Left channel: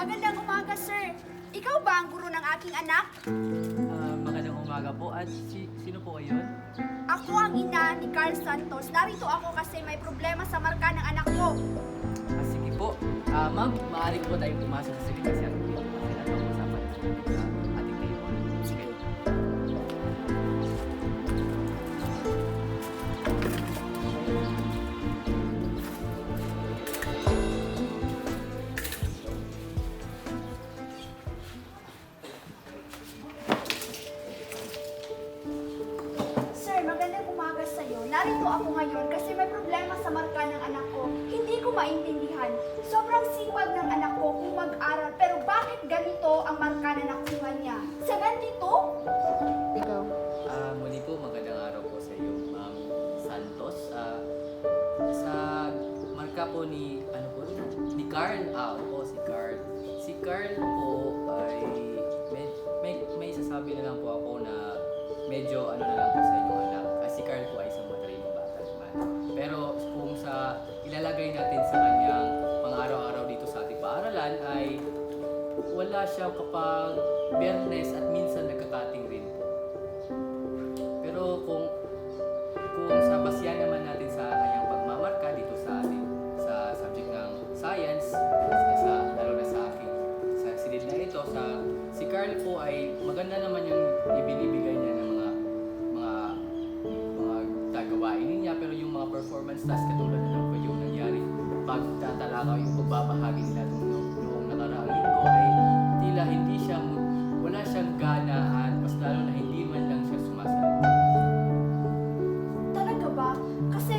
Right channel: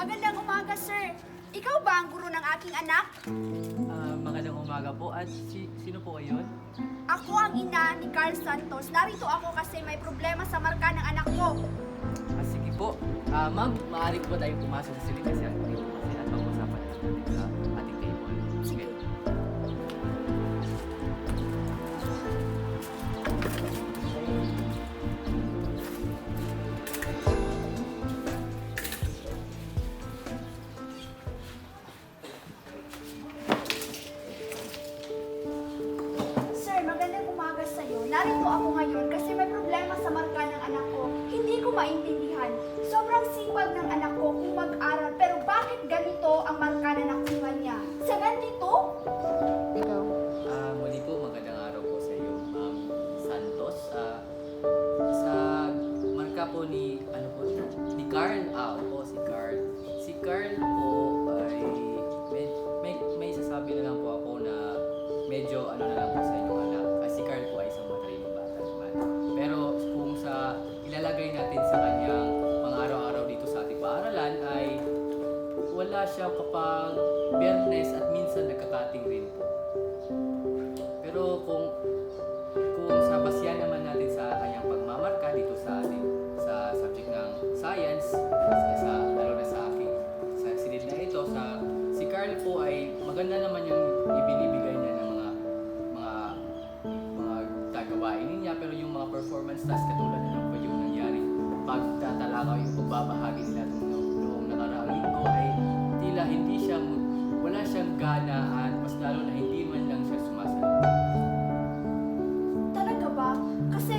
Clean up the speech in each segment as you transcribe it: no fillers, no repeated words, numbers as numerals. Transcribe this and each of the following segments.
Magandang umaga, sir. Ikaw ba ang guro ng aking anak? Magandang umaga po. At sino po kayo? Ako ang ina ni Carl Santos. Narito ako kasi may problema sa marka ng anak ko. Sige po. Ma'am, maaari po tayong pumasok sa silid kasi ang dito kasi at pag-usapan natin sa ating table. Sige. Sir, magandang umaga sa'yo. Narito ako ngayon kasi may problema sa marka ng anak ko. Hindi ko maintindihan. Sobrang sipag ng anak ko kung mag-aral, pero bakit ganito ang marka na nakuha niya? 72? Ikaw. Muli po, magandang araw po sa iyo, Ma'am Santos. Sa marka po ni, ni Carl. Opo, si Carl. Si Carl po ay, may sasabi na lang po ako na medyo na lang po sa inyong anak. Si Carl po ay isang matalinong bata naman. Pero kung sa ilalagay natin sa kanyang pang-araw-araw dito sa ating paaralan ay wala siya kapag Biyernes at minsan nagkakating rin po. Pero kung sa basyan naman natin sa kanyang pagmamarka dito sa ating sa subject ng science, lalo na sa aking sa silid na ito, si Carl po ay maganda naman yung ibinibigay niya ng mga tagawain niya, pero yung mga performance tasks katulad ng po yung nangyari pagtatalakaw yung pagbabahagi nila noong nakaraang linggo ay tila wala siyang gana at mas lalo na hindi man lang siya sumasalita. Talaga ba? Kasi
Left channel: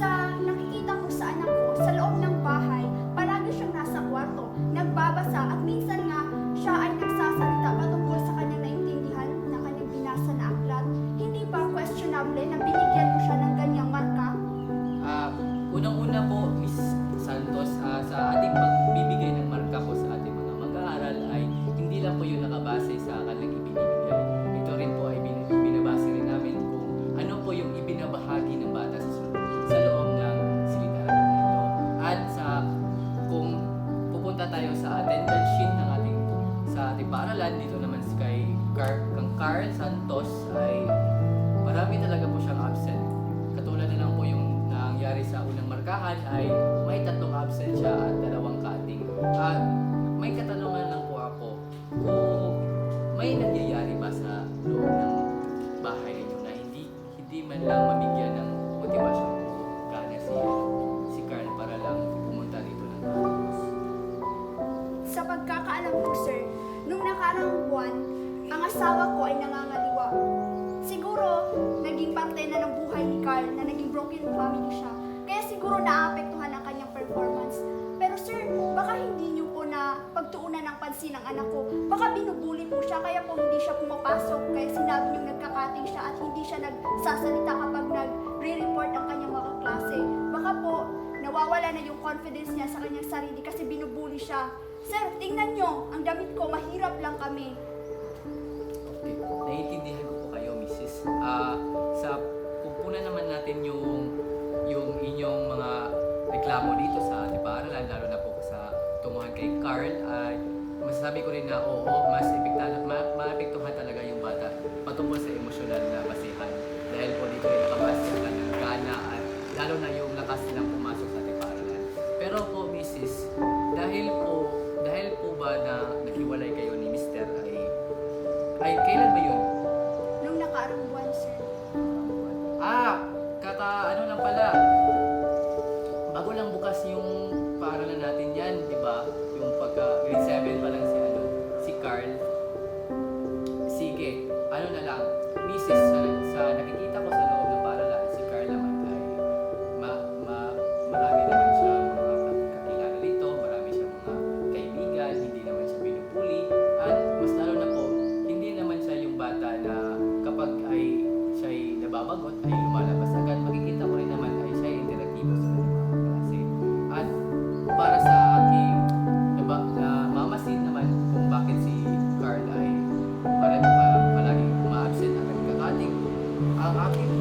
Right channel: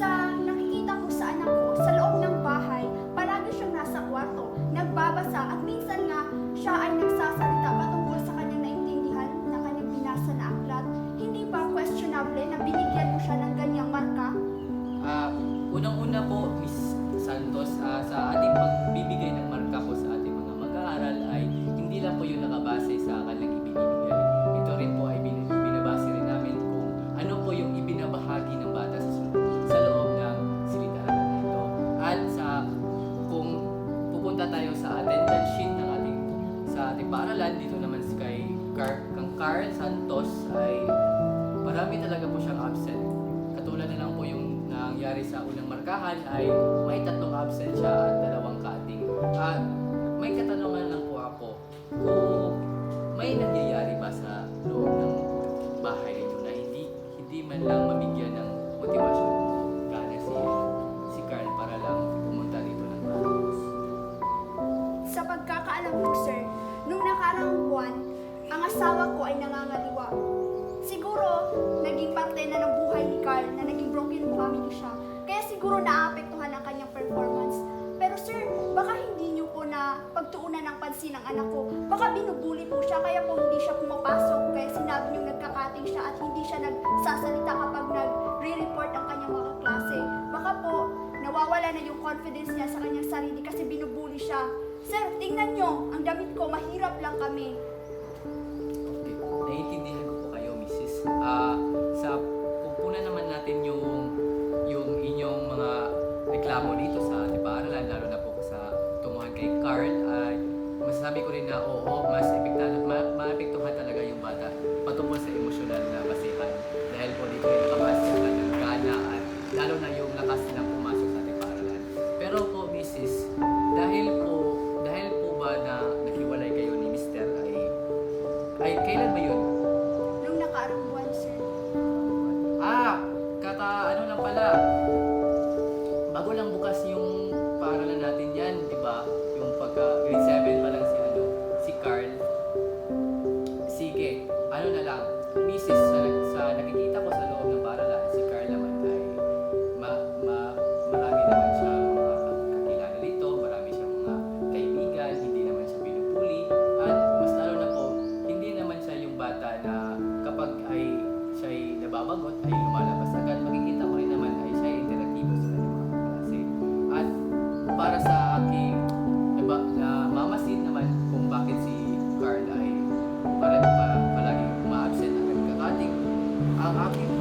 sa nakikita ko sa anak ko, sa loob ng bahay, palagi siyang nasa kwarto, nagbabasa at minsan nga siya ay nagsasalita patungkol sa kanyang naintindihan na kanyang binasa na aklat. Hindi ba questionable na binigyan mo siya ng ganyang marka? Unang-una po, Miss Santos, sa ating pagbibigay ng marka po sa ating mga mag-aaral ay hindi lang po yung nakabase sa kanilang ibinibigay. Ito rin po ay binabase rin namin kung ano po yung ibinabahagi ng bata sa loob ng silid-aralan na ito. At kung pupunta tayo sa attendance sheet ng sa ating paaralan, dito naman kay Carl Santos ay marami talaga po siyang absent. Katulad na lang po yung nangyari sa unang markahan ay may 3 absent siya at 2 cutting. At may katanungan lang po ako, kung may nangyayari ba sa loob ng bahay ninyo na hindi man lang mabigyan ng motivasyon o gana si Carl para lang pumunta dito ng campus? Sa pagkakaalam ko, sir, nung nakaraang buwan, ang asawa ko ay nangangaliwa. Siguro, naging parte na ng buhay ni Carl na naging broken family siya. Kaya siguro naapektuhan ang kanyang performance. Pero sir, baka hindi niyo po na pagtuunan ng pansin ang anak ko. Baka binubuli po siya, kaya po hindi siya pumapasok. Kaya sinabi niyo nagkakating siya at hindi siya nagsasalita kapag nagre-report ang kanyang mga klase. Baka po, nawawala na yung confidence niya sa kanyang sarili kasi binubuli siya. Sir, tingnan niyo, ang damit ko, mahirap lang kami. Okay, naiintindihan ko po kayo, Mrs. Kung puna naman natin yung inyong mga reklamo dito sa ating paaralan, lalo na po sa tunguhan kay Carl, ay masasabi ko rin na oo, mas maapektuhan talaga yung bata patungkol sa emosyonal na basihan. Dahil po dito rin nakabase ang kanyang gana at lalo na yung lakas nilang pumasok sa ating paaralan. Pero po, Mrs., dahil po ba na naghiwalay kayo ni Mr. ay kailan ba yun? Nung nakaraang buwan, sir. Ano lang pala, bago lang bukas yung paaralan natin yan, di ba? Yung pagka grade 7 pa lang si Carl. Sige, na lang, Mrs. sa nakikita ko sa loob ng paaralan, si Carl naman ay marami naman siya mga kakilala dito, marami siya mga kaibigan, hindi naman siya binubuli, at mas lalo na po, hindi naman siya yung bata na kapag siya'y nababagot ay lumalabas agad. Makikita ko rin naman ay siya'y interaktibo sa kanyang mga kaklase. At para sa aking mamasin naman kung bakit si Carl ay palaging uma-absent ang nagkakating, ang aking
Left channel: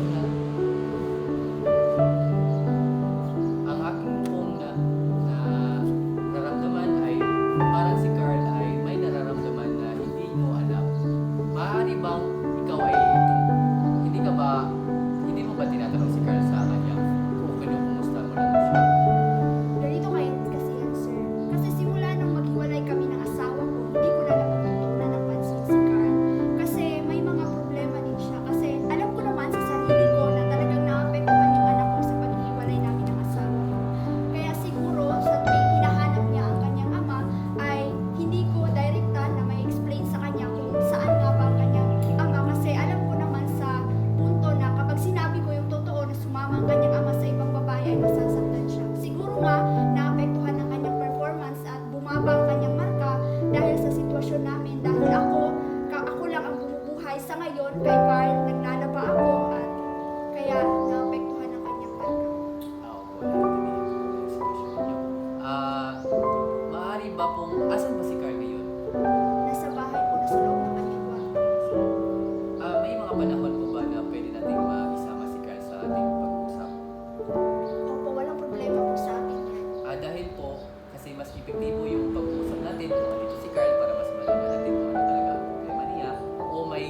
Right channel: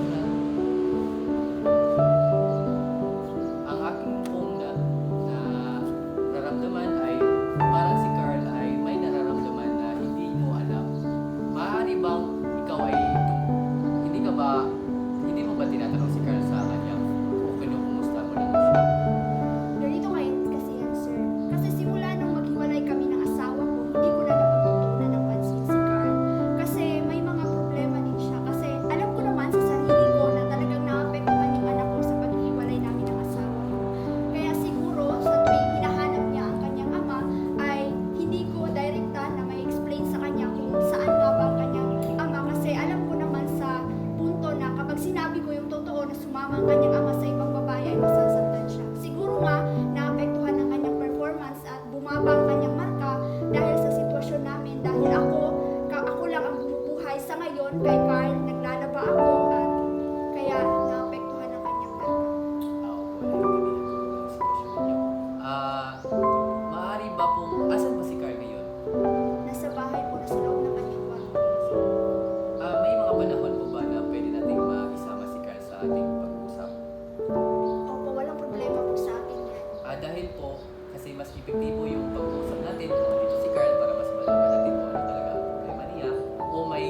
mas epektibo yung pag-uusap natin kung dito si Carl para mas malaman natin kung ano talaga ang problema niya o may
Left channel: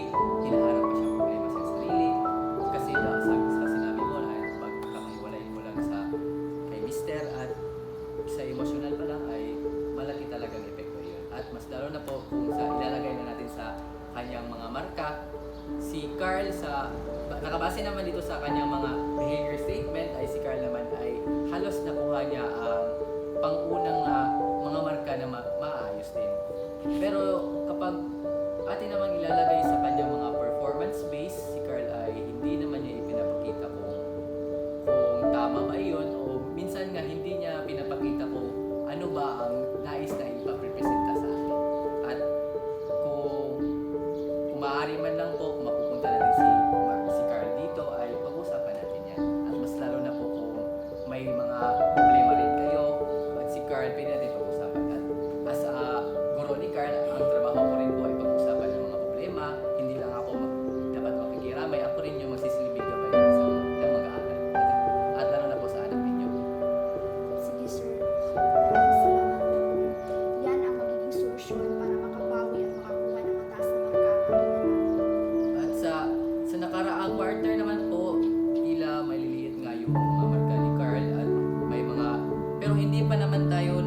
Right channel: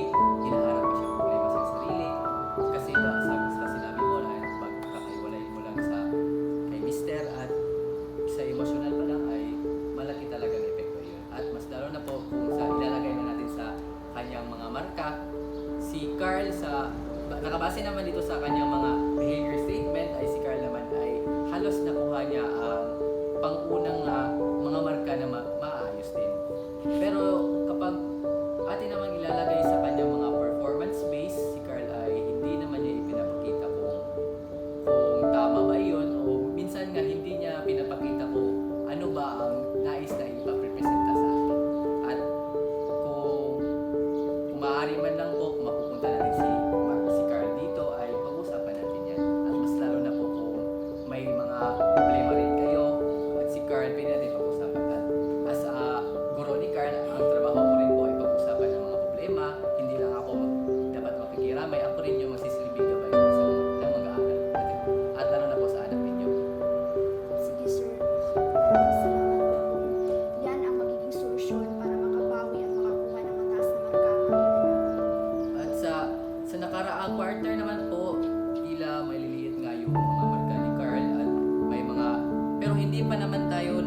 hinaharap pa siyang problema sa sarili. Kasi sa sinabi mo na pagkakaiwalay mo lang sa kay Mister at sa emosyonal pa lang ay malaki talagang epekto yun. At mas lalo na po kung sa ilalagay na natin sa kanyang mga marka, si Carl nakabase naman dito sa kanyang mga behavior statement ay si Carl naman ay halos nakuha niya ang pangunang mga marka na maayos din. Pero kapag atin namang ilalagay sa kanyang mga performance base, si Carl ay hindi naman niya ipinapakita kung tama ba yun o minsan nga hindi niya pinapakita kung ano ba ang nais na ipaprepresenta sa atin. At kung maaari man lang po, kung mapupunta natin si Carl dito ay pag-usapan natin yan. At mas lalo na po kung may mga problema rin kayo at si Carl, pwede natin pag-usapan. At as a guro ni Carl, ang trabaho ko rin po ay pag-usapan ng mga problema. Hindi lang ako dapat makikiramay, ako rin yung magsisilbing gabay ng mag-aaral. At lalo na po sa anak ninyo. Sige sir, maraming salamat po. Yan ang magiging solusyon para makabawi at makakuha ng mataas na marka ang aking anak. At sa nakaraang quarter naman po, tila may liliit nga yung mga marka ni Carl at may mga, pero hindi pa naman tayo